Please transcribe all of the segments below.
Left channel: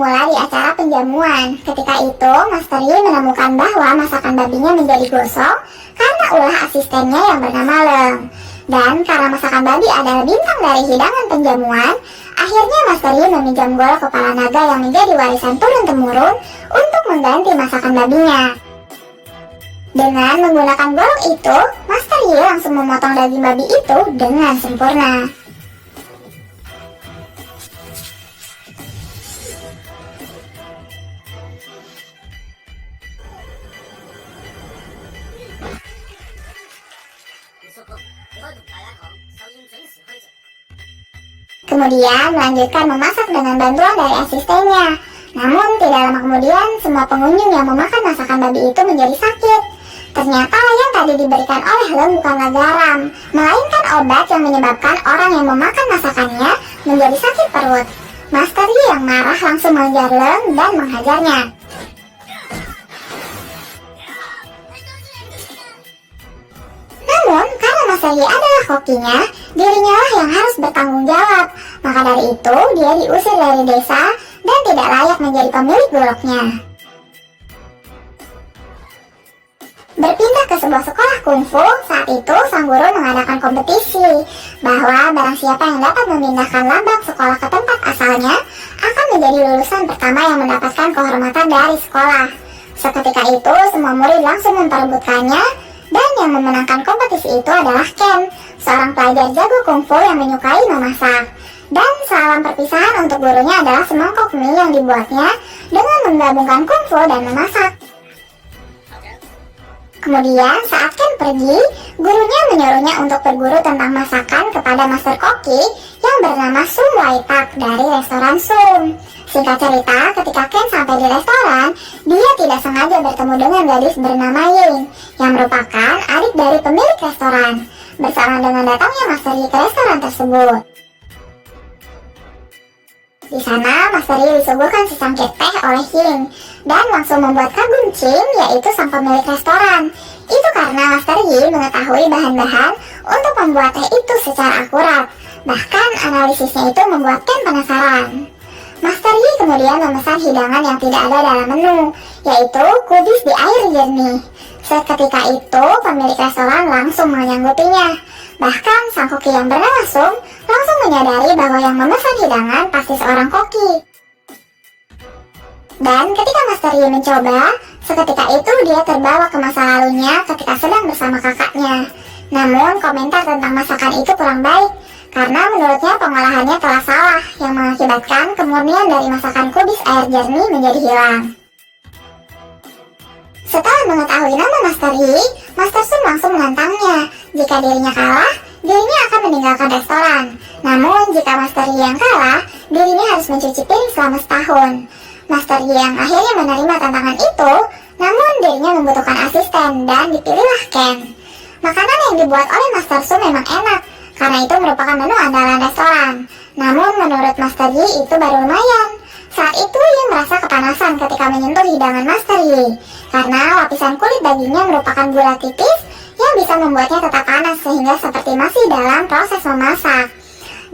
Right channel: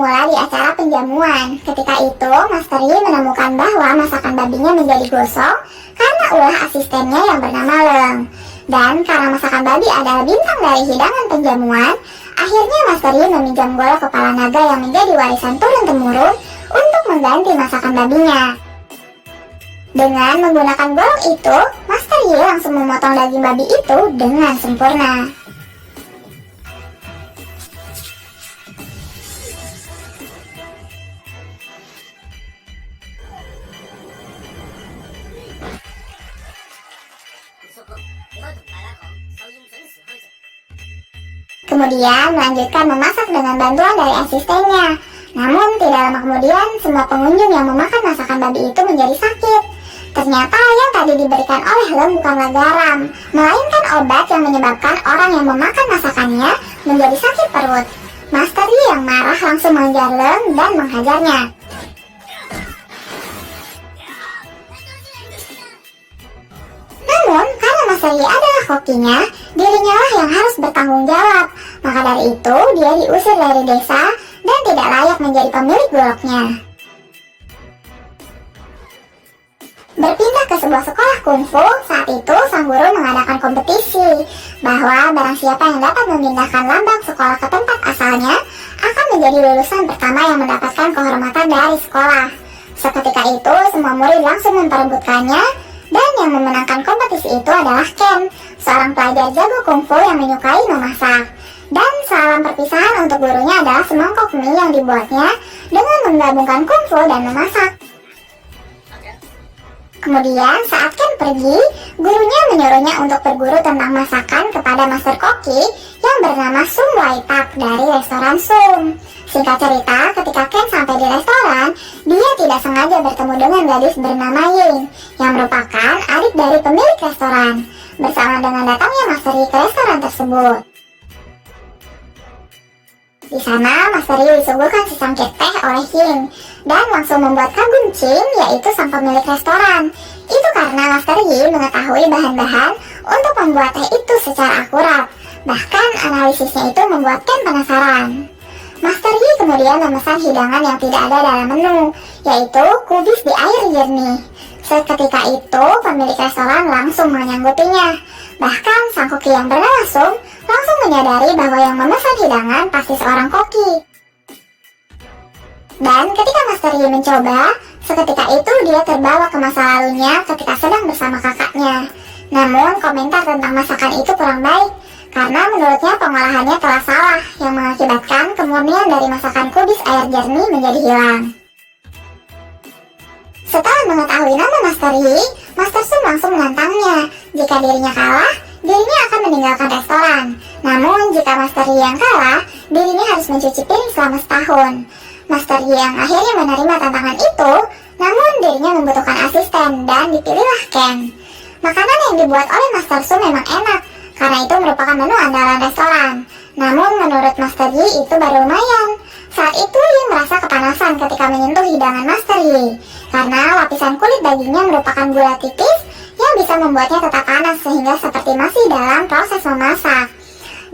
bermula di acara penjamuan. Ketika itu, Master Yi menemukan bahwa masakan babinya menjadi gosong karena ulah asistennya yang bernama Leng. Dan karena masakan babi adalah bintang dari hidangan penjamuan, akhirnya Master Yi meminjam golok kepala naga yang menjadi warisan turun-temurun untuk mengganti masakan babinya. Dengan menggunakan golok itu, Master Yi langsung memotong daging babi itu dengan sempurna. Kemudian melanjutkan memasak dengan bantuan dari asistennya. Namun tidak lama kemudian semua pengunjung yang memakan masakan babi itu menjadi sakit. Ternyata yang tadi diberikan oleh Leng bukanlah garam, melainkan obat yang menyebabkan orang yang memakan masakannya menjadi sakit perut. Master Yi yang marah langsung mengejar Leng dan menghajarnya. Namun karena Master Yi adalah kokinya, dirinya lah yang harus bertanggung jawab. Maka dari itu dia diusir dari desa dan tidak layak menjadi pemilik goloknya. Berpindah ke sebuah sekolah kungfu, saat itu sang guru mengadakan kompetisi bahwa barang siapa yang dapat memindahkan lambang sekolah ke tempat asalnya akan menjadi lulusan pertama yang mendapatkan kehormatan dari sekolah. Seketika itu semua murid langsung memperebutkannya dan yang memenangkan kompetisi itu adalah Ken, seorang pelajar jago kungfu yang menyukai memasak. Dan salam perpisahan untuk gurunya adalah semangkok mie yang dibuatnya dengan menggabungkan kungfu dan memasak. Kemudian saat Ken pergi, gurunya menyuruhnya untuk berguru tentang masakan kepada Master Koki yang bernama Sum Waitak dari restoran Sum. Singkat cerita, ketika Ken sampai di restoran, dia tidak sengaja bertemu dengan gadis bernama Ying yang merupakan adik dari pemilik restoran. Bersama dengan datangnya Master Yi ke restoran tersebut. Di sana, Master Yi disuguhkan secangkir teh oleh Ying dan langsung membuat kagum Ching, yaitu sang pemilik restoran. Itu karena Master Yi mengetahui bahan-bahan untuk membuat teh itu secara akurat. Bahkan analisisnya itu membuat Ken penasaran. Master Yi kemudian memesan hidangan yang tidak ada dalam menu, yaitu kubis di air jernih. Seketika itu, pemilik restoran langsung menyanggupinya. Bahkan sang koki yang bernama Sum langsung menyadari bahwa yang memesan hidangan pasti seorang koki. Dan ketika Master Yi mencoba, seketika itu dia terbawa ke masa lalunya ketika sedang bersama kakaknya. Namun komentar tentang masakan itu kurang baik, karena menurutnya pengolahannya telah salah yang mengakibatkan kemurnian dari masakan kubis air jernih menjadi hilang. Setelah mengetahui nama Master Yi, Master Sum langsung menantangnya. Jika dirinya kalah, dirinya akan meninggalkan restoran. Namun jika Master Yi yang kalah, dirinya harus mencuci piring selama setahun. Master Yi yang akhirnya menerima tantangan itu, namun dirinya membutuhkan asisten dan dipilihlah Ken. Makanan yang dibuat oleh Master Sum memang enak, karena itu merupakan menu andalan restoran. Namun menurut Master Yi itu baru lumayan. Saat itu Ying merasa kepanasan ketika menyentuh hidangan Master Yi, karena lapisan kulit dagingnya merupakan gula tipis yang bisa membuatnya tetap panas sehingga seperti masih dalam proses memasak.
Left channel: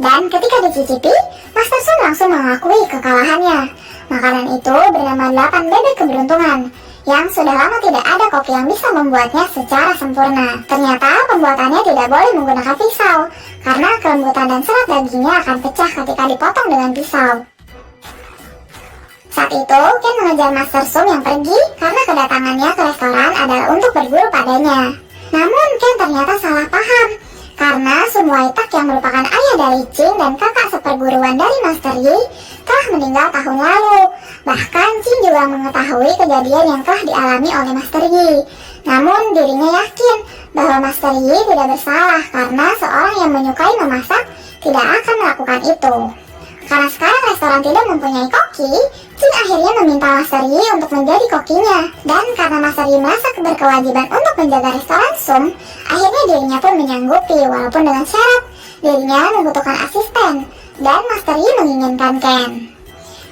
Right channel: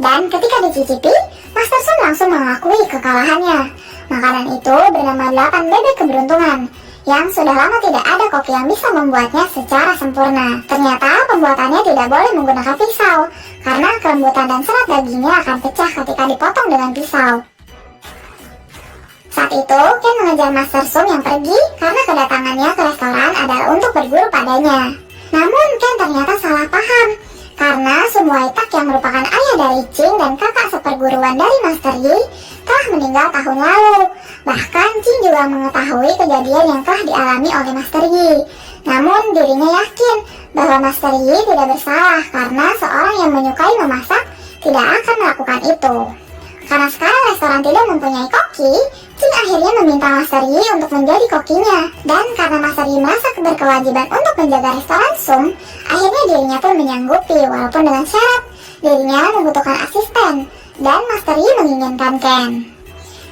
Dan ketika dicicipi, Master Sum langsung mengakui kekalahannya. Makanan itu bernama 8 bebek keberuntungan, yang sudah lama tidak ada koki yang bisa membuatnya secara sempurna. Ternyata pembuatannya tidak boleh menggunakan pisau, karena kelembutan dan serat dagingnya akan pecah ketika dipotong dengan pisau. Saat itu, Ken mengejar Master Sum yang pergi karena kedatangannya ke restoran adalah untuk berguru padanya. Namun Ken ternyata salah paham, karena Sum Waitak yang merupakan ayah dari Ching dan kakak seperguruan dari Master Yi telah meninggal tahun lalu. Bahkan Ching juga mengetahui kejadian yang telah dialami oleh Master Yi. Namun dirinya yakin bahwa Master Yi tidak bersalah karena seorang yang menyukai memasak tidak akan melakukan itu. Karena sekarang restoran tidak mempunyai koki, Ching akhirnya meminta Master Yi untuk menjadi kokinya. Dan karena Master Yi merasa berkewajiban untuk menjaga restoran Sum, akhirnya dirinya pun menyanggupi walaupun dengan syarat dirinya membutuhkan asisten. Dan Master Yi menginginkan Ken.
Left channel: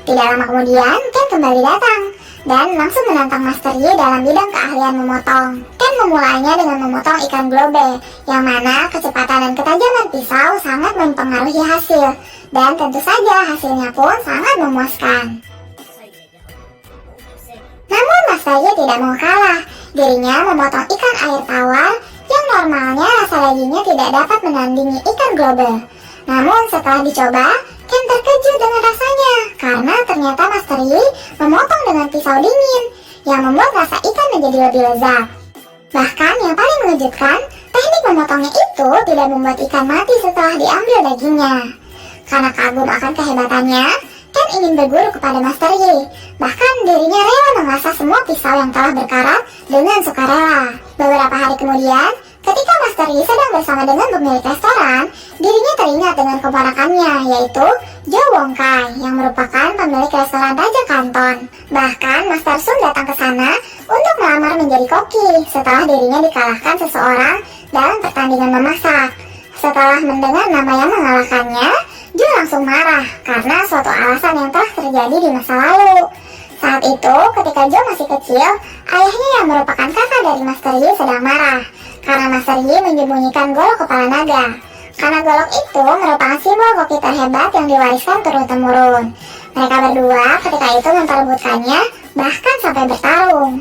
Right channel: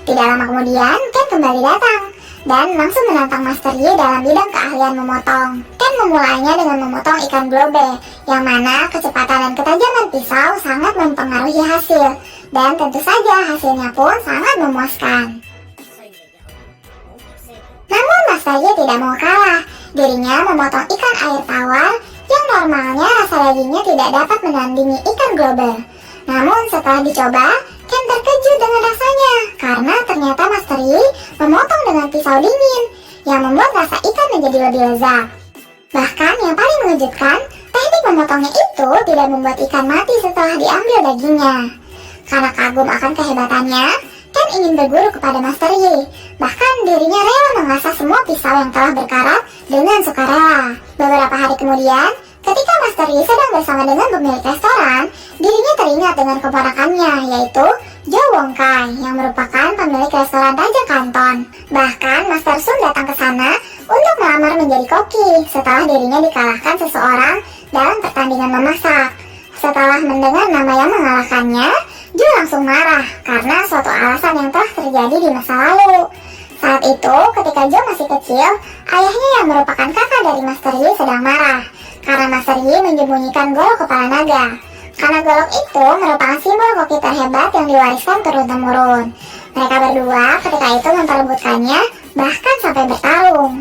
Tidak lama kemudian, Ken kembali datang dan langsung menantang Master Yi dalam bidang keahlian memotong. Ken memulainya dengan memotong ikan globe, yang mana kecepatan dan ketajaman pisau sangat mempengaruhi hasil. Dan tentu saja hasilnya pun sangat memuaskan. Master Yi tidak mau kalah. Dirinya memotong ikan air tawar yang normalnya rasa dagingnya tidak dapat menandingi ikan global. Namun setelah dicoba, Ken terkejut dengan rasanya karena ternyata Master Yi memotong dengan pisau dingin yang membuat rasa ikan menjadi lebih lezat. Bahkan yang paling mengejutkan, teknik memotongnya itu tidak membuat ikan mati setelah diambil dagingnya. Karena kagum akan kehebatannya, Ken ingin berguru kepada Master Yi. Bahkan dirinya rela mengasah semua pisau yang telah berkarat dengan sukarela. Beberapa hari kemudian, ketika Master Yi sedang bersama dengan pemilik restoran, dirinya teringat dengan keponakannya, yaitu Jo Wong Kai, yang merupakan pemilik restoran Raja Kanton. Bahkan Master Sum datang ke sana untuk melamar menjadi koki setelah dirinya dikalahkan seseorang dalam pertandingan memasak. Setelah mendengar nama yang mengalahkannya, Jo langsung marah karena suatu alasan yang telah terjadi di masa lalu. Saat itu, ketika Jo masih kecil, ayahnya yang merupakan kakak dari Master Yi sedang marah karena Master Yi menyembunyikan golok kepala naga. Karena golok itu merupakan simbol koki terhebat yang diwariskan turun-temurun. Mereka berdua ketika itu memperebutkannya, bahkan sampai bertarung.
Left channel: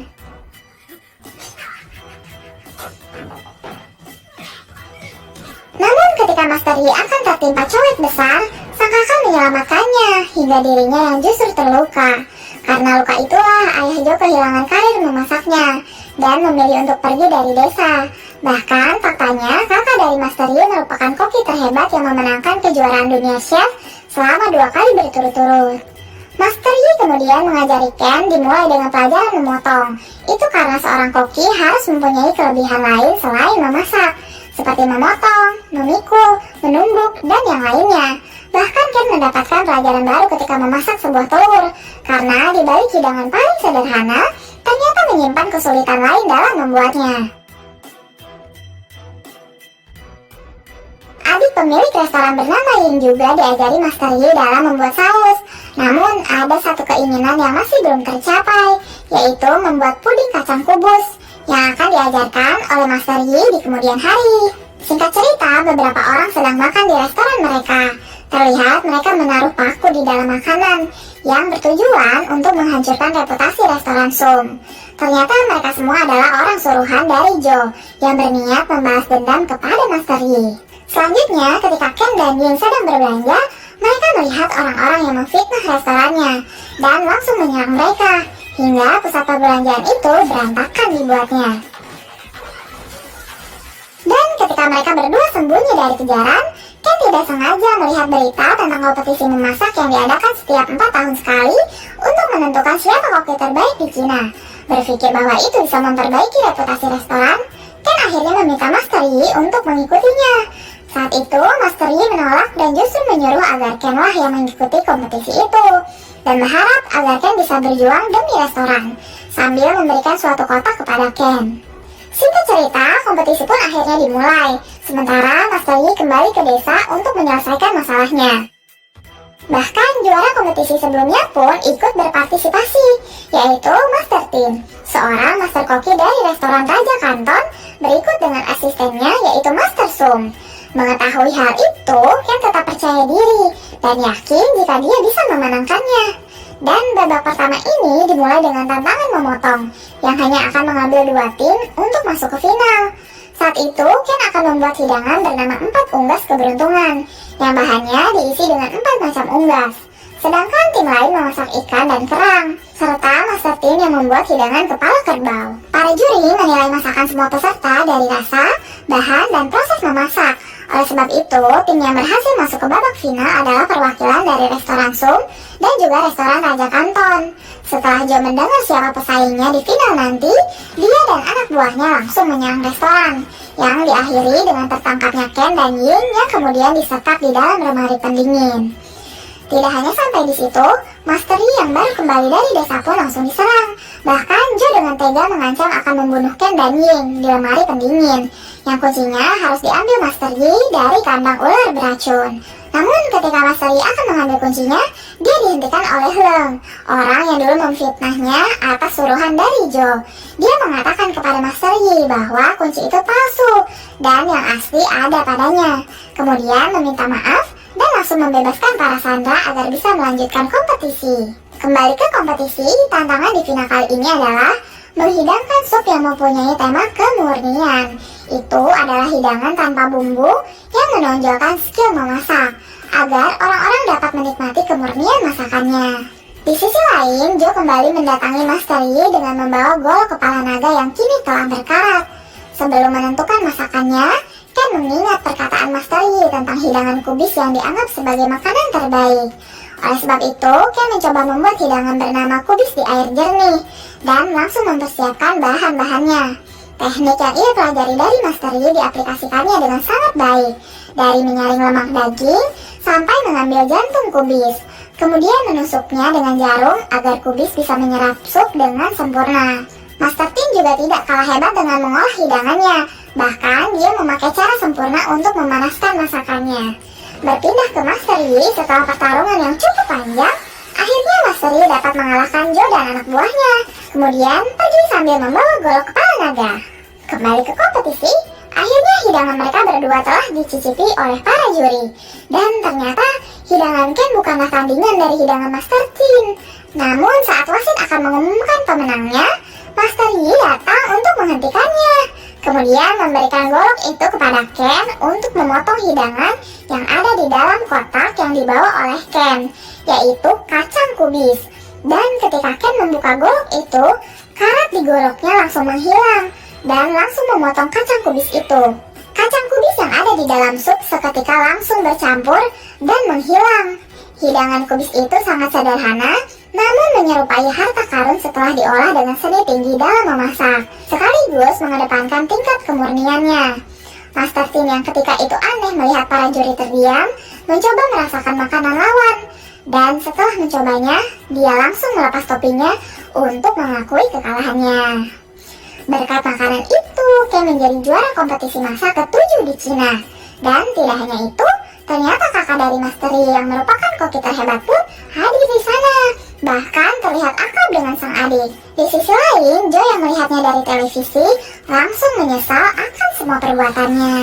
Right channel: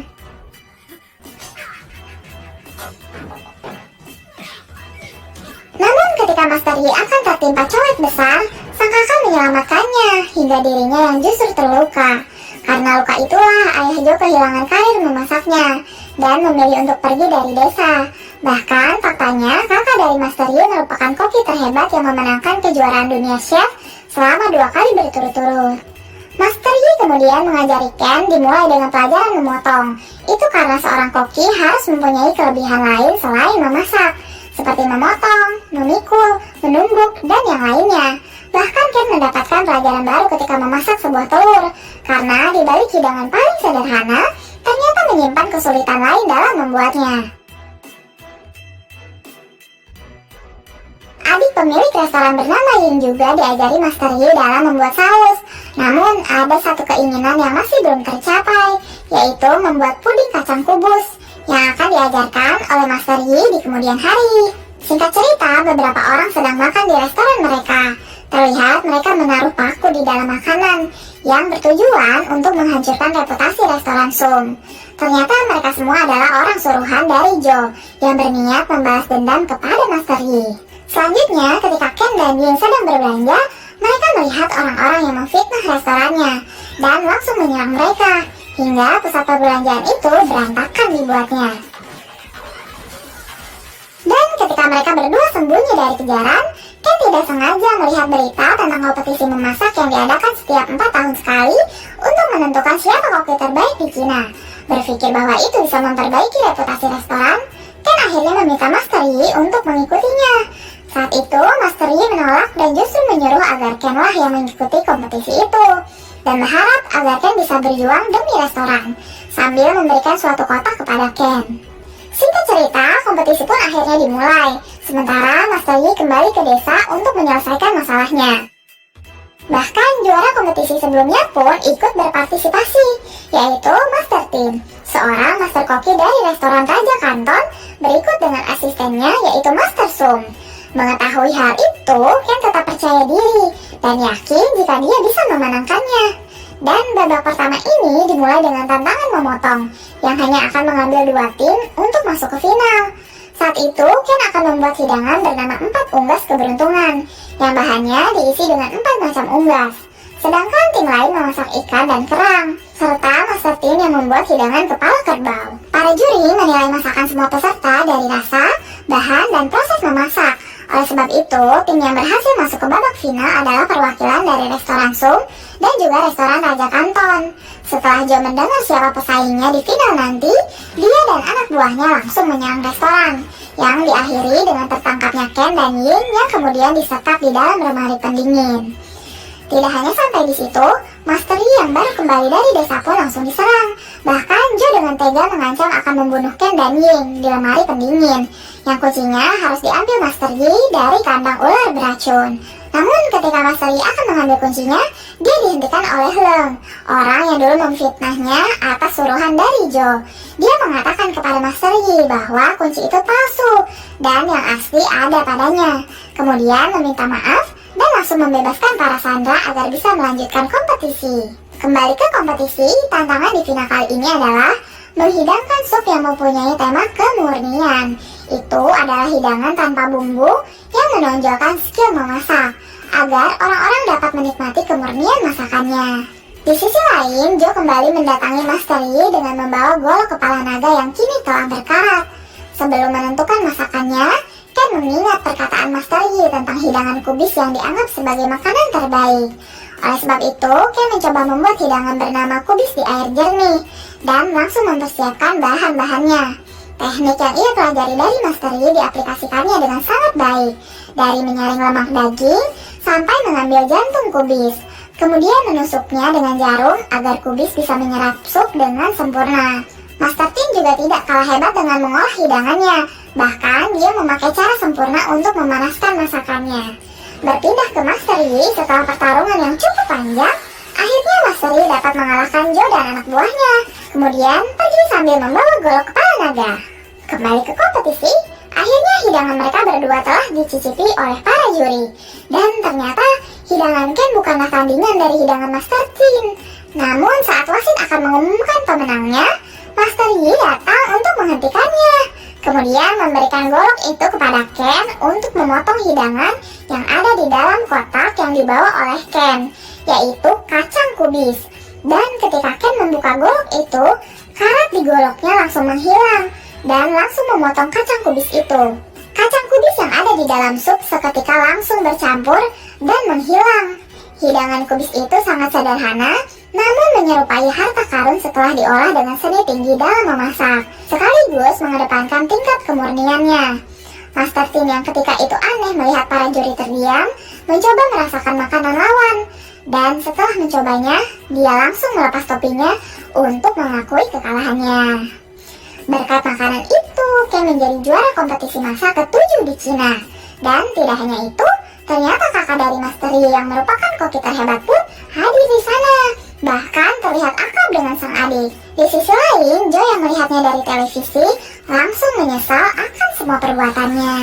Namun ketika Master Yi akan tertimpa colek besar, sang kakak menyelamatkannya hingga dirinya yang justru terluka. Karena luka itulah ayah Jo kehilangan karir memasaknya dan memilih untuk pergi dari desa. Bahkan faktanya kakak dari Master Yi merupakan koki terhebat yang memenangkan kejuaraan dunia chef selama 2 kali berturut-turut. Master Yi kemudian mengajari Ken dimulai dengan pelajaran memotong. Itu karena seorang koki harus mempunyai kelebihan lain selain memasak, seperti memotong, memikul, menumbuk, dan yang lainnya. Bahkan Ken mendapatkan pelajaran baru ketika memasak sebuah telur, karena di balik hidangan paling sederhana, ternyata menyimpan kesulitan lain dalam membuatnya. Adik pemilik restoran bernama Yin juga diajari Master Yi dalam membuat saus. Namun ada satu keinginan yang masih belum tercapai, yaitu membuat puding kacang kubus yang akan diajarkan oleh Master Yi di kemudian hari. Singkat cerita, beberapa orang sedang makan di restoran mereka. Terlihat mereka menaruh paku di dalam makanan yang bertujuan untuk menghancurkan reputasi restoran Sum. Ternyata mereka semua adalah orang suruhan dari Jo yang berniat membalas dendam kepada Master Yi. Selanjutnya, ketika Ken dan Yin sedang berbelanja, mereka melihat orang-orang yang memfitnah restorannya dan langsung menyerang mereka, hingga pusat perbelanjaan itu berantakan dibuatnya. Dan ketika mereka berdua sembunyi dari kejaran, Ken tidak sengaja melihat berita tentang kompetisi memasak yang diadakan setiap 4 tahun sekali untuk menentukan siapa koki terbaik di Cina. Berpikir bahwa itu bisa memperbaiki reputasi restoran, Ken akhirnya meminta Master Yi untuk mengikutinya. Saat itu, Master Yi menolak dan justru menyuruh agar Ken lah yang mengikuti kompetisi itu, dan berharap agar Ken bisa berjuang demi restoran, sambil memberikan suatu kotak kepada Ken. Singkat cerita, kompetisi pun akhirnya dimulai, sementara Master Yi kembali ke desa untuk menyelesaikan masalahnya. Bahkan juara kompetisi sebelumnya pun ikut berpartisipasi, yaitu Master Tin, seorang master koki dari restoran Raja Kanton, berikut dengan asistennya yaitu Master Sum. Mengetahui hal itu, Ken tetap percaya diri dan yakin jika dia bisa memenangkannya. Dan babak pertama ini dimulai dengan tantangan memotong, yang hanya akan mengambil 2 tim untuk masuk ke final. Saat itu, Ken akan membuat hidangan bernama 4 unggas keberuntungan, yang bahannya diisi dengan 4 macam unggas. Sedangkan tim lain memasak ikan dan kerang, serta Master Tin yang membuat hidangan kepala kerbau. Para juri menilai masakan semua peserta dari rasa, bahan, dan proses memasak. Oleh sebab itu, tim yang berhasil masuk ke babak final adalah perwakilan dari restoran Sum dan juga restoran Raja Kanton. Setelah Jo mendengar siapa pesaingnya di final nanti, dia dan anak buahnya langsung menyerang restoran, yang diakhiri dengan tertangkapnya Ken dan Yin yang kemudian disekap di dalam lemari pendingin. Tidak hanya sampai di situ, Master Yi yang baru kembali dari desa pun langsung diserang. Bahkan Jo dengan tega mengancam akan membunuh Ken dan Yin di lemari pendingin, yang kuncinya harus diambil Master Yi dari kandang ular beracun. Namun ketika Master Yi akan mengambil kuncinya, dia dihentikan oleh Leng, orang yang dulu memfitnahnya atas suruhan dari Jo. Dia mengatakan kepada Master Yi bahwa kunci itu palsu dan yang asli ada padanya. Kemudian meminta maaf dan langsung membebaskan para sandera agar bisa melanjutkan kompetisi. Kembali ke kompetisi, tantangan di final kali ini adalah menghidangkan sup yang mempunyai tema kemurnian. Itu adalah hidangan tanpa bumbu yang menonjolkan skill memasak, agar orang-orang dapat menikmati kemurnian masakannya. Di sisi lain, Joe kembali mendatangi Master Yi dengan membawa golok kepala naga yang kini telah berkarat. Sebelum menentukan masakannya, Ken mengingat perkataan Master Yi tentang hidangan kubis yang dianggap sebagai makanan terbaik. Oleh sebab itu, Ken mencoba membuat hidangan bernama kubis di air jernih dan langsung mempersiapkan bahan-bahannya. Teknik yang ia pelajari dari Master Yi diaplikasikannya dengan sangat baik, dari menyaring lemak daging sampai mengambil jantung kubis. Kemudian menusuknya dengan jarum agar kubis bisa menyerap sup dengan sempurna. Master Tin juga tidak kalah hebat dengan mengolah hidangannya. Bahkan dia memakai cara sempurna untuk memanaskan masakannya. Berpindah ke Master Yi setelah pertarungan yang cukup panjang, akhirnya Master Yi dapat mengalahkan Joe dan anak buahnya. Kemudian pergi sambil membawa golok kepala naga. Kembali ke kompetisi, akhirnya hidangan mereka berdua telah dicicipi oleh para juri. Dan ternyata hidangan Ken bukanlah tandingan dari hidangan Master Tin. Namun saat wasit akan mengumumkan pemenangnya, Master Yi datang untuk menghentikannya. Kemudian memberikan golok itu kepada Ken untuk memotong hidangan yang ada di dalam kotak yang dibawa oleh Ken, yaitu kacang kubis. Dan ketika Ken membuka golok itu, karat di goloknya langsung menghilang dan langsung memotong kacang kubis itu. Kacang kubis yang ada di dalam sup seketika langsung bercampur dan menghilang. Hidangan kubis itu sangat sederhana, namun menyerupai harta karun setelah diolah dengan seni tinggi dalam memasak, sekaligus mengedepankan tingkat kemurniannya. Master Tin yang ketika itu aneh melihat para juri terdiam, mencoba merasakan makanan lawan. Dan setelah mencobanya, dia langsung melepas topinya untuk mengakui kekalahannya. Berkat makanan itu, Ken menjadi juara kompetisi masak ke-7 di Cina. Dan tidak hanya itu, ternyata kakak dari Master Yi yang merupakan koki terhebat pun hadir di sana. Bahkan terlihat akrab dengan sang adik. Di sisi lain, Joe yang melihatnya dari televisi langsung menyesal akan semua perbuatannya.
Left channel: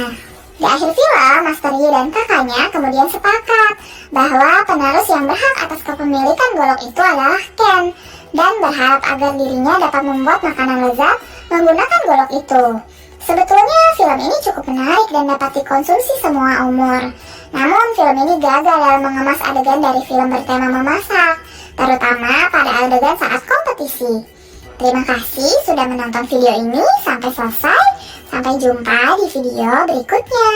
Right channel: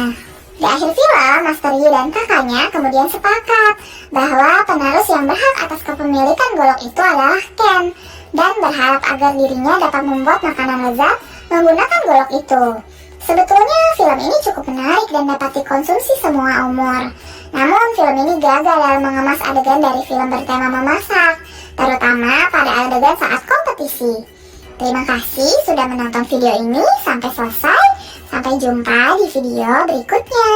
Di akhir film, Master Yi dan kakaknya kemudian sepakat bahwa penerus yang berhak atas kepemilikan golok itu adalah Ken, dan berharap agar dirinya dapat membuat makanan lezat menggunakan golok itu. Sebetulnya film ini cukup menarik dan dapat dikonsumsi semua umur. Namun film ini gagal dalam mengemas adegan dari film bertema memasak, terutama pada adegan saat kompetisi. Terima kasih sudah menonton video ini sampai selesai. Sampai jumpa di video berikutnya.